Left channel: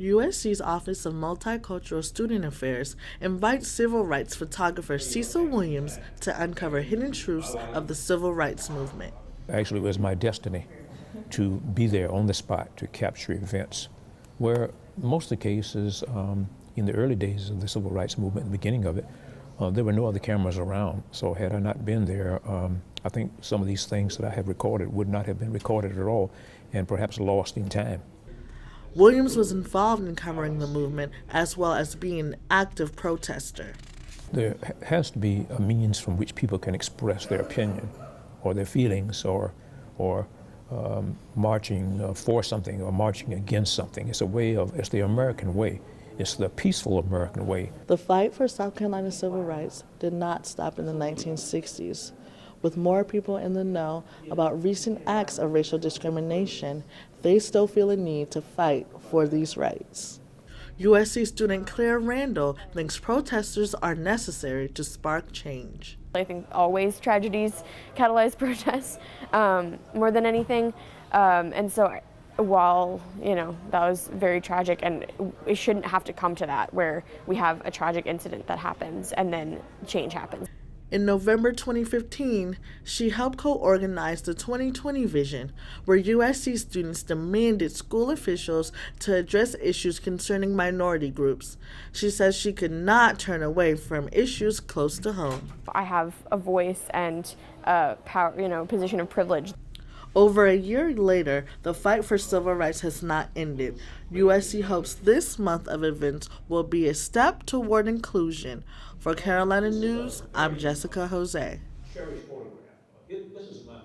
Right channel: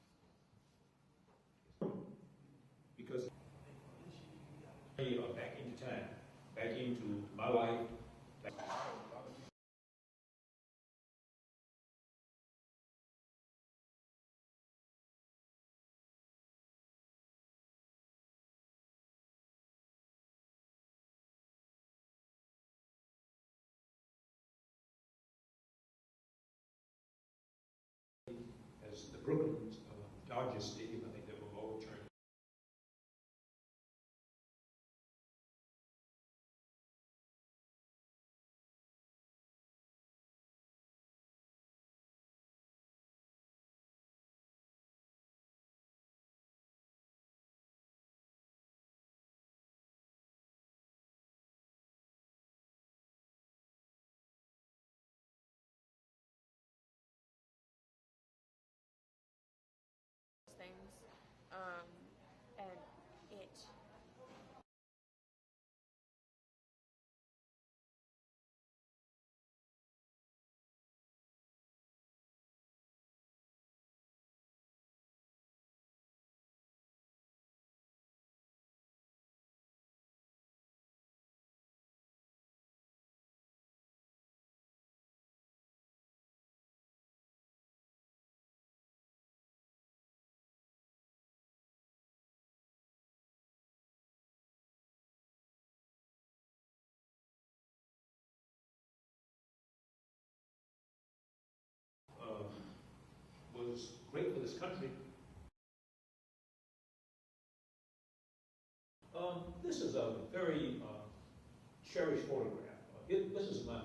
USC's Office of Multicultural Student Affairs invites civil rights photographer Cecil Williams to uncover hidden truths of the civil rights movement. Actually, it was my destiny to be there on the spot to capture events where most of the cases in the early days of the civil rights movement, the beginning of it, there were no other cameras around. So had I not been there, I think some of these things that I have recorded would not have been recorded at all and perhaps lost in time. Williams was involved in covering the movement as well as being an active protester. There has to be a means from which people can express their opinion or their feelings or marching for something or marching against something. It's a way of, it's the American way. It's the peaceful American way. The fight for South Carolina civil rights did not stop in the 1960s. With more people in the know about recent acts of racial discrimination, they still feel a need to fight for these rights. USC student Claire Randall thinks protesters are necessary to spark change. I think always tragedies catalyze protests more than anything. And so while, that was very tragic, and it shouldn't have to come to that where we have a tragic incident that happens and then change happens. In November 2015, she helped co-organize the 2020 Vision, where USC students demanded school officials to address issues concerning minority groups. She says she could not turn away from issues close to home. I have a voice and power, position of privilege. Over a year later, the fight for civil rights has not ended. USC hopes this month of events will be a step toward inclusion. For Carolina News, I'm Jessica Jose. Sherry's photograph. This is my